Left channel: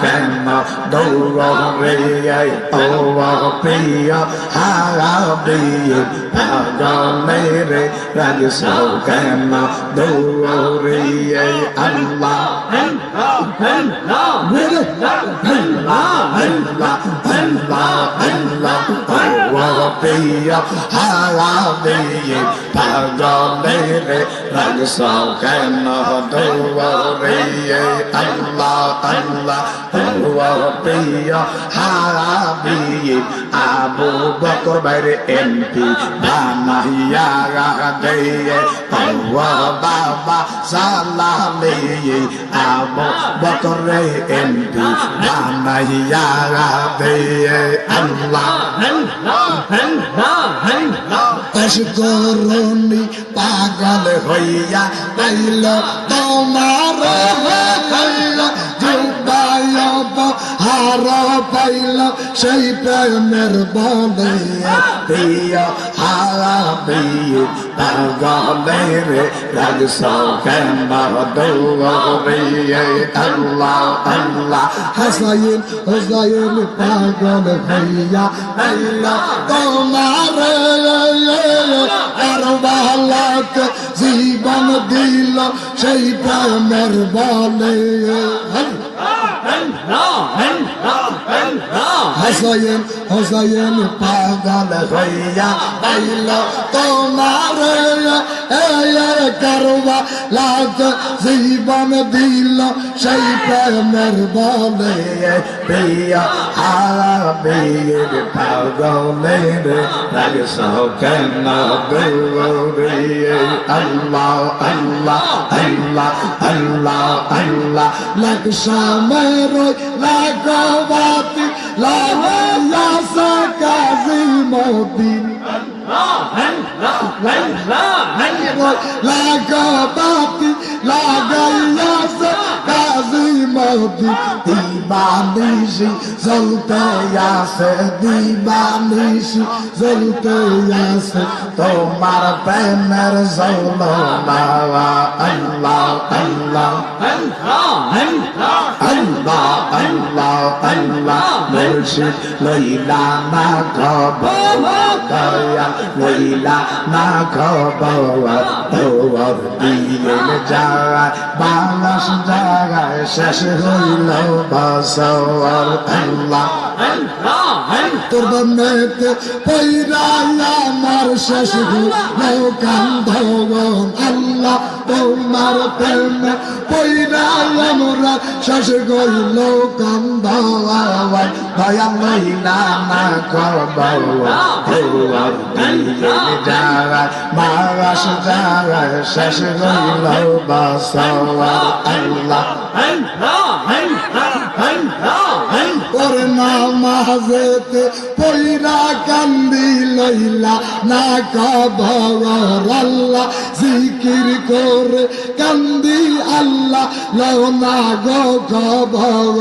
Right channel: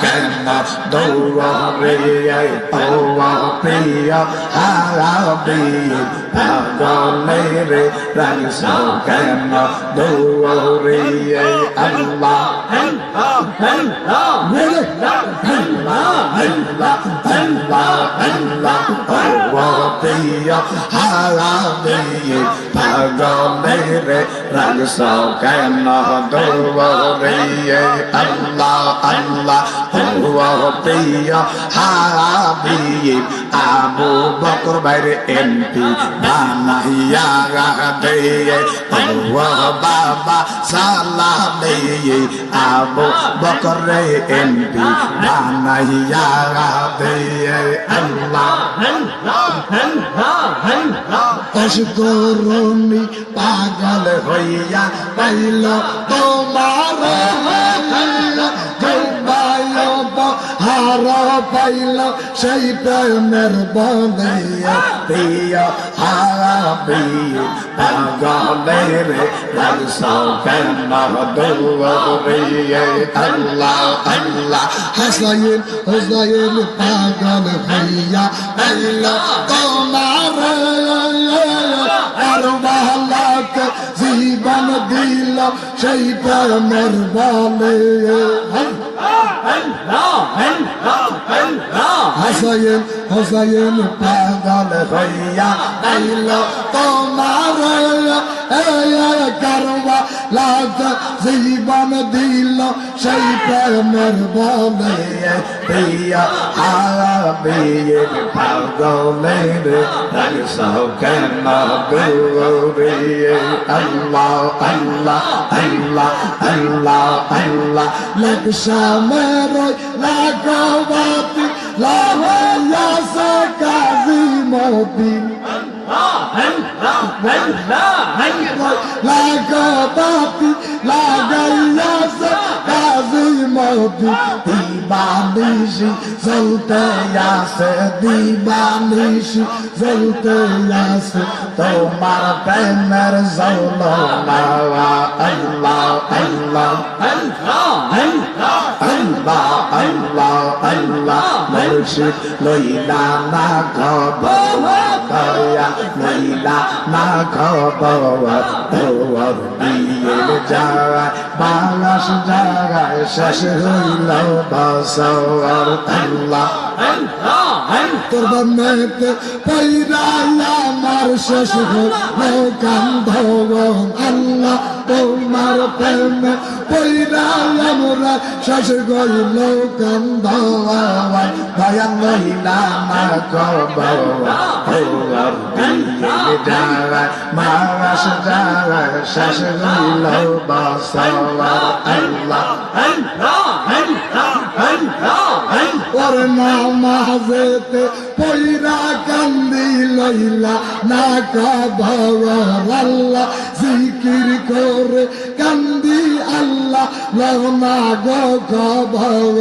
কেন দৌড়ে ও প্রিয় হারাবি পাগলে রে রাগস কেন দৌড়ে আল্লাহ আল্লাহ আল্লাহ আল্লাহ ও প্রিয় হারাবি কেন দৌড়ে আল্লাহ আল্লাহ ও প্রিয় হারাবি আবু বকর বাইরে এমপি বানাইয়া দে ও বাবা সালামে আবু বকর রে এমপি বানাইয়া দে আল্লাহ অসকরণী পাগল হইয়া পাইল তোমার হার পাইল সেই প্রেমের বলে প্রিয় হারা প্রিয় পাগলে রে লাগস কেন দৌড়ে আল্লাহ আল্লাহ। হাসাইন, হুসাইন পাগল হইয়া পাইল তোমার আর বালাক জীবন দিল সেই প্রেমের বলে হাসাইন হুসাইন পাগল হইয়া তোমার করবা লাগ জীবন দিল সেই প্রেমের বলে প্রিয়া আবের পাগলের রাগ সৌকেন দৌড়ে আল্লাহ আল্লাহ আল্লাহ আল্লাহ আল্লাহ লাগ সমর লাগবাতি লাগাস কাজী মদিন লাগাবাতি লাগাইয়াস কাজী মদিন দিবানিশি চলতে আসে দিবানিশি চলতে আসে তোমার প্রেমের জৌল আল্লাহ আল্লাহ আল্লাহ আল্লাহ আল্লাহ মুর্শিদ লইলা না দয়া মহিলা না খবর তোর দিয়ে যাওয়া বাংলাস জায়গায় শেষ হইল বসর আল্লাহ তোর বান্নাতে পৈরালা আমার শেষ হইল কান্ধ আল্লাহ তোমার প্রেমে পৈরালা মোরা শেষ হইল কান্ধবান দয়া লইলা না খবর তোর দিয়ে যায় বারস জায়গায় শেষ হইল বসর আল্লাহ। ওর নামাজেতে পৈরা কান্দি লইলা না কাবর আল্লাহ, জিকির করে কান্দি আল্লাহ, লও না গো খবর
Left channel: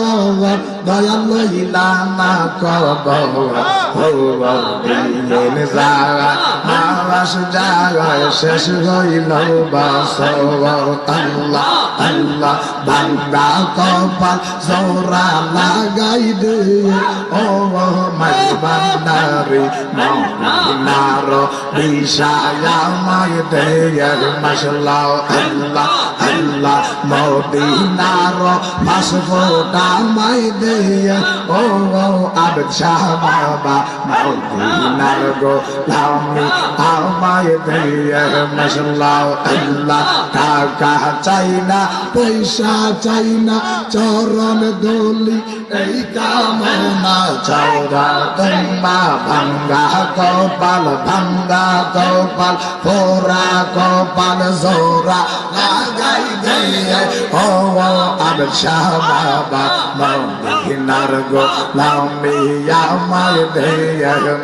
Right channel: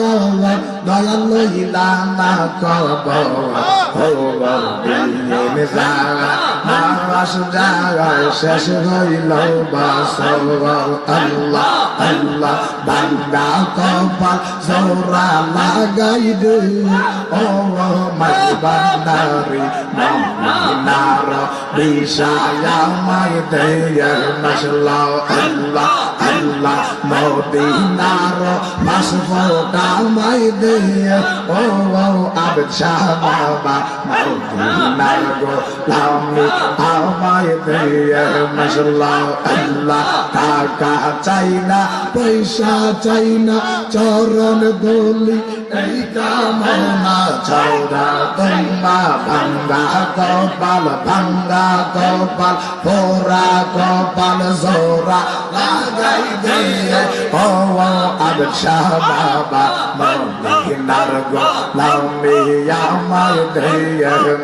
দয়া লইলা না কবর খবর দিন যাওয়া মাস জাগায় শেষ হইল বাসর আল্লাহ আল্লাহ বান্দা কপাল জোরা লাগাই দে ও মাই বান্দারি মহিনার বিষায়া মাই দে মশলা আল্লাহ আল্লাহ মদিনার মাসফোটা মাই দে ও আবেদ শাহ বাবা মদিনার গো লামি আমায় দে মশলা আল্লাহ টাকা চাই না পয়সা চাই না চরণ দলি, এই কামনা চৌরা তোমা ভাঙ্গা, কপাল ভাঙ্গা, কপাল ফোরা, কপাল জোরা লাগাই দে ও আবেদ শাহ বাবা মদিনার গো লামি আমায় দে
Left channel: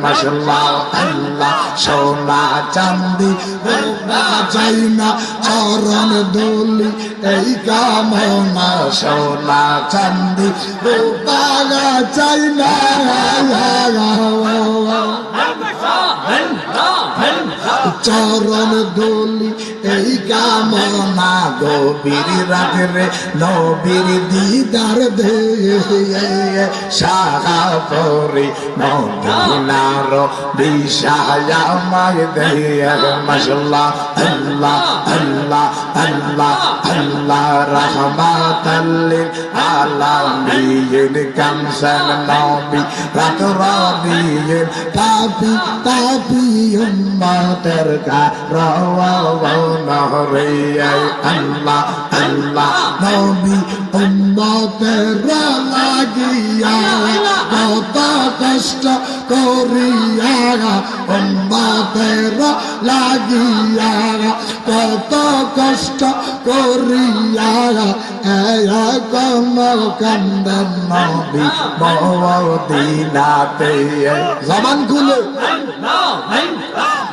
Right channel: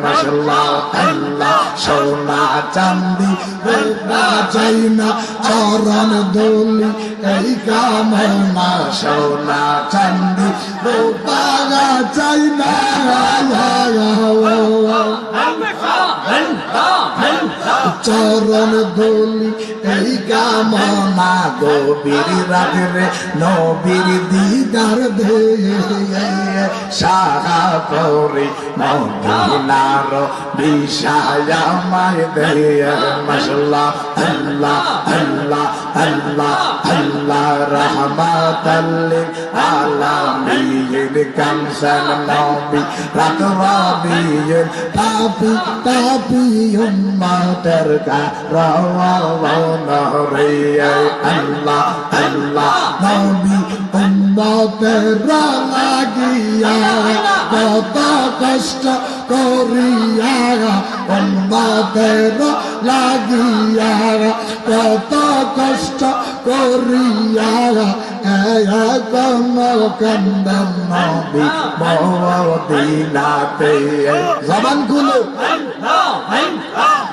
মশলা আল্লাহ সোনা চান্দি রূপা চাই না চরণ দোলি এই কামনা সোনা চান্দি রূপা চরণ দলি এই কামনা গভীর রাত্রে, নবীর দিদার দে সাহা পরে মদিনার বিষায় আমায় দে মশলা আল্লাহ আল্লাহ আল্লাহ আল্লাহ রহমাতাল্লিল আলামিন। কামসান নবী, রাত রাবিয়ের পাপি পাপি উম্মতের কারওয়ান রে আল্লাহ আল্লাহ নবী উম্মতের লাগিয়া কত কষ্ট করিয়া উম্মতের লাগিয়া কত কষ্ট করিয়া জবান খুলো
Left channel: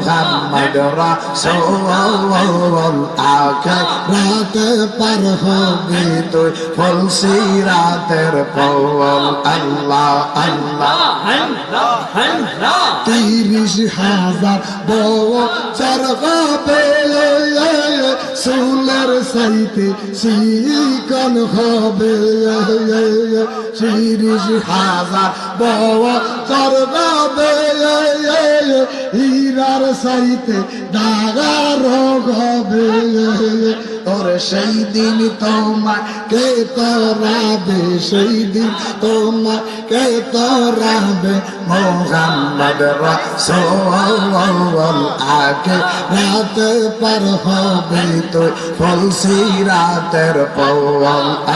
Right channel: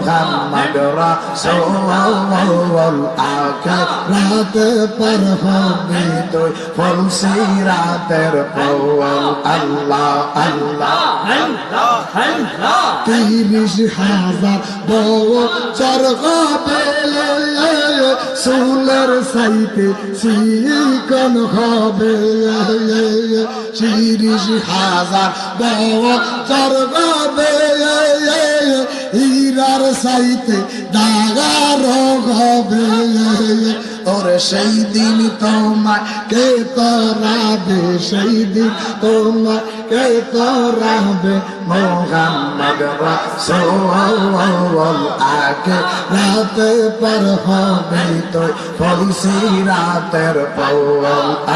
মুহাম্মদ রাসূলুল্লাহ আখিরাতে পার হবে তুই ফলসি রাতের পল আল্লাহ আল্লাহ তিরিশ হাজার বছর হবে সুলের সাইতে শিকন হবে তিরিশ হাজার বছর হবে হীরার সাইতে দাগার হবে। তোর সেই দিন তোমাকে তরাবে, সেই দিন তোমাকে তরাবে। মোহাম্মদ রাসূল আগে রাতে পার হবে তো ফলসি রাতের পৌল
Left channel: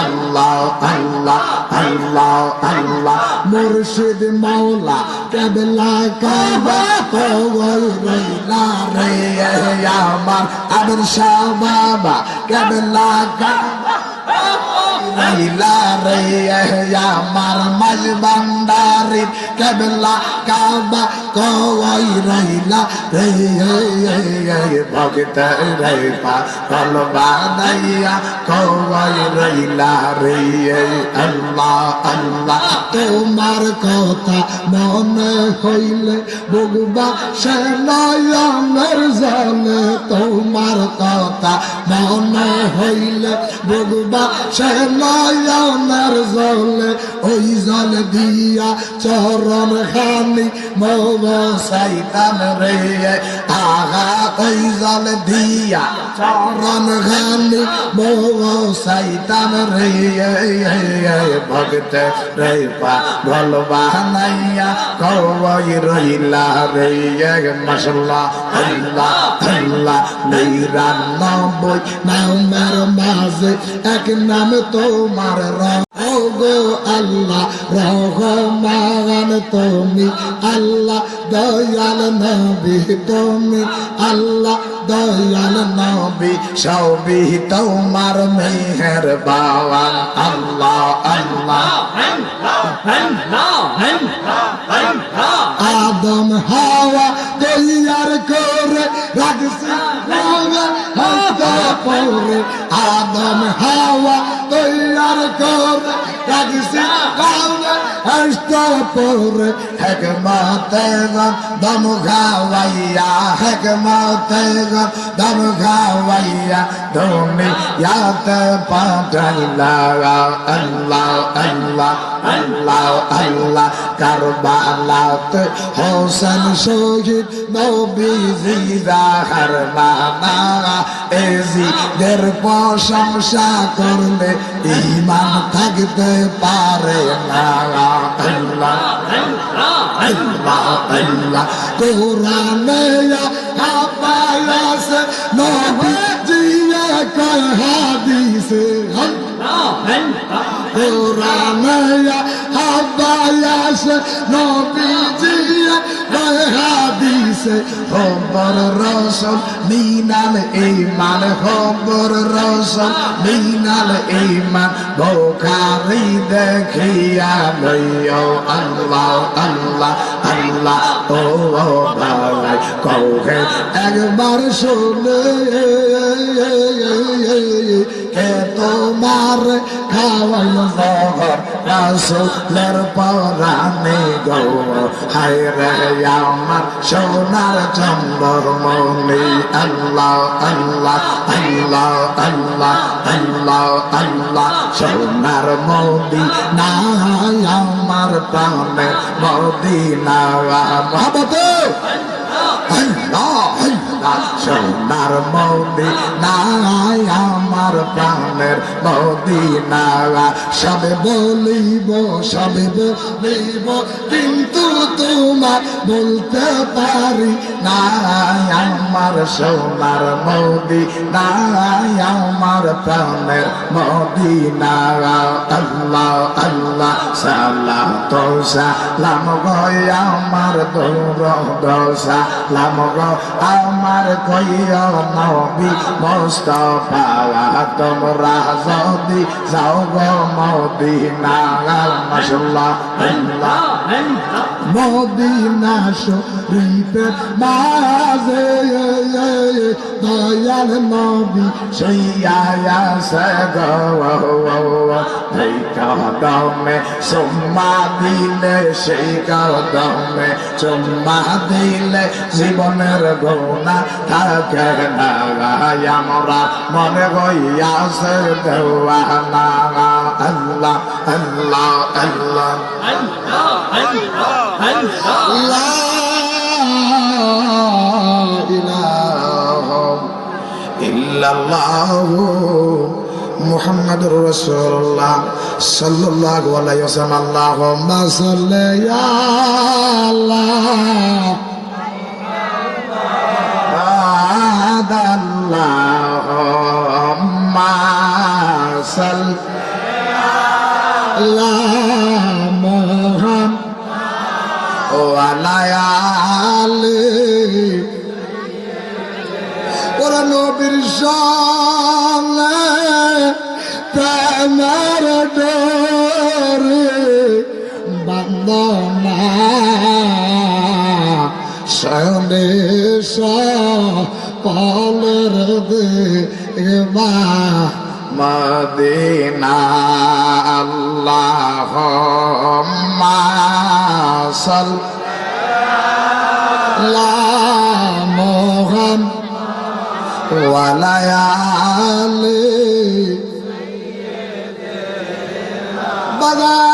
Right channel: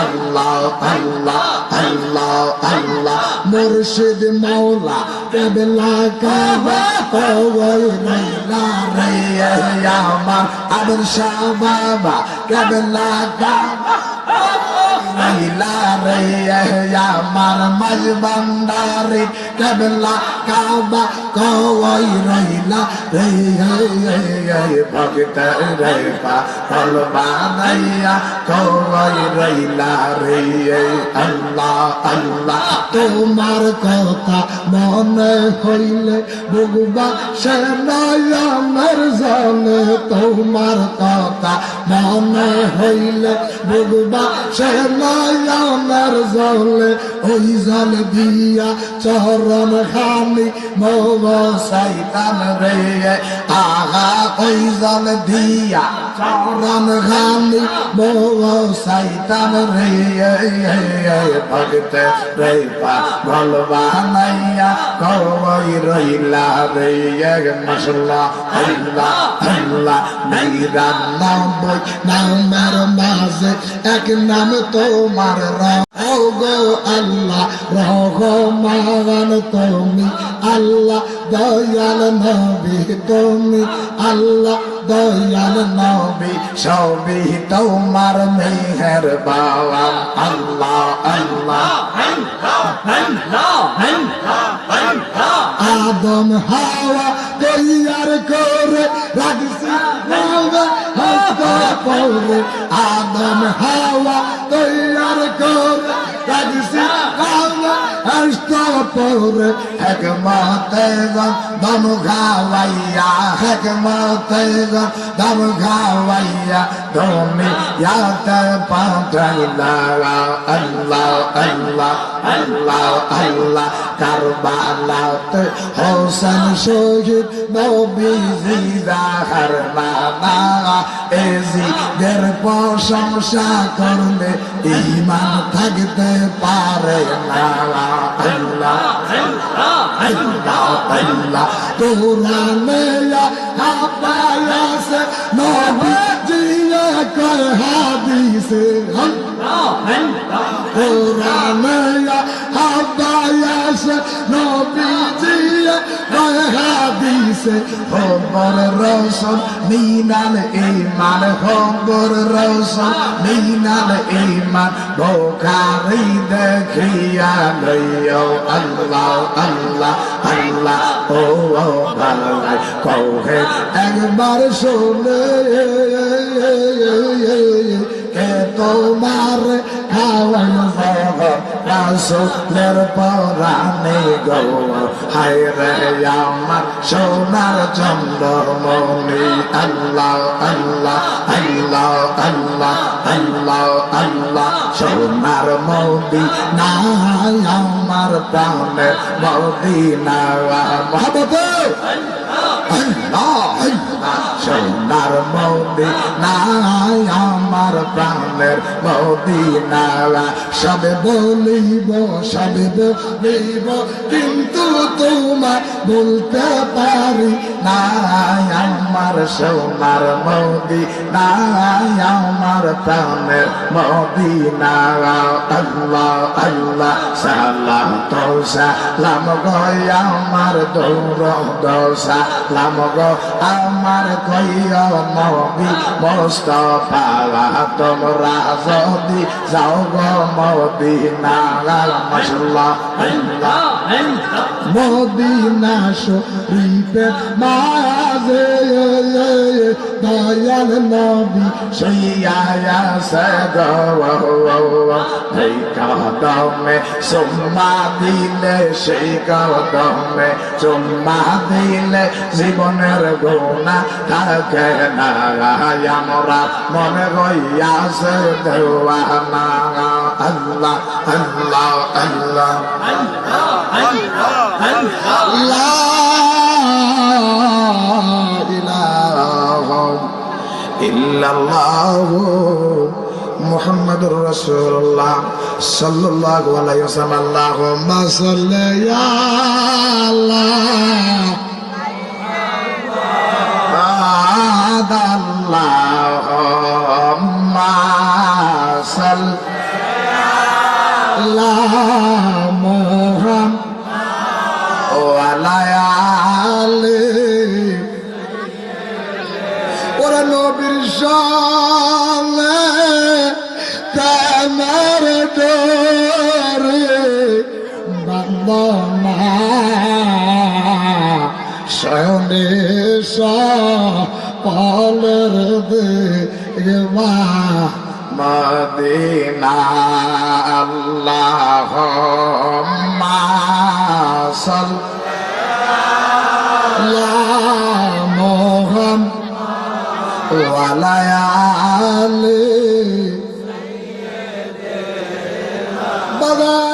আল্লাহ আল্লাহ আল্লাহ আল্লাহ। মুর্শিদ মাওলা কেবলা কাবা কই রইলা রে আমার আদর শাহ বাবা কেবলা কাবা রইলা রে আমার মাঝ ভান্ডারি কেবলা কাবা কই রইলা। রে ভক্ত রে পা কল বানাইয়া কই রইলা রে। আল্লাহ আল্লাহ, তোমার কথা মনে হইলে বুগবা সে নয়নের জলে তোমার কথা মনে হইলে বুগবা সে নয়নের জলে, ওই জল দিয়া চরণ খানি মব সাইতান রে। আগা, ওই জল দিয়া চরণ খানি মব সাইতান রে। ভগত রে পা গল বানাইয়া কবই রইলা রে। মশলা আল্লাহ আল্লাহ। নিরানব্বই নামের মাঝে এক নাম তোমার গো আল্লাহ রহমান তুমি আল্লাহ দয়াল নবী তুমি আল্লাহ দয়াল নবী সবই তোমার মেহের বাবা আল্লাহ আল্লাহ আদম হাওয়া তৈয়ার করে রাখছি পরে আদম হাওয়া তৈয়ার করে রাখছি। হাস্তা পরে হেকমতে দম খাওয়াইয়া হেকমতে দম খাওয়াইয়া তুমি ইয়াতে পাঠাইলা আল্লাহ আল্লাহ আল্লাহ আল্লাহ, কারবালাতে হোসেন শহীদ নবীজি জাহার নানা এজি দের প্রশংসা করলে ইমান থাকতে পারে না। আল্লাহ আল্লাহ আল্লাহ কোরআনে হাপায়াসে নবী জিয়া কয় হাদিসে কোরআনে হাদিসে খবর রসম, মিনাল ইমান, খবর রসম, মিনাল ইমান, বোখারি দেখিয়া লইও আল্লাহ আল্লাহ আল্লাহ, ও ভাই, কৌহে একবার শোনে, কে তোমার খাওয়াই রাসুলের পরানে গো হায় রে, আমার সোনার চন্দ্রমণি আল্লাহ আল্লাহ আল্লাহ আল্লাহ আল্লাহ আল্লাহ, সোনার মোদি না আমার প্রাণের মোদি না মহাবত আল্লাহ! সোনার মোদি নাই আমার প্রাণের মদিনা সবে বলিব সবে বলিব, কিন্তু তোমার বলতে পারি না আমার সোনার মোদি নাই আমার প্রাণের মদিনা আল্লাহ আল্লাহ সালাম তো সালাম গয় আমার দৌড় দোসা লাম গো আমার কইয় নবী মোস্তফা তোমরা যদি যাও গো মদিনা দয়াল নবী সৈয়া সেই কদমে সোম্মা দিলে সেই কদমে সোম্মা দিলে জীবনের গোনা থাকে না আমরা মনে হইয়া সে দেওয়া না আল্লাহ আল্লাহ আল্লাহ আল্লাহ আল্লাহ إلا الله محمد رسول الله صلى الله عليه وسلم. اللهم صل يا الله. هذا اللهم صل لا محمد. ولا يا علي সকলের দেবা মদিনা আল্লাহ সাল মোহন ওয়ালায়ালে বাবা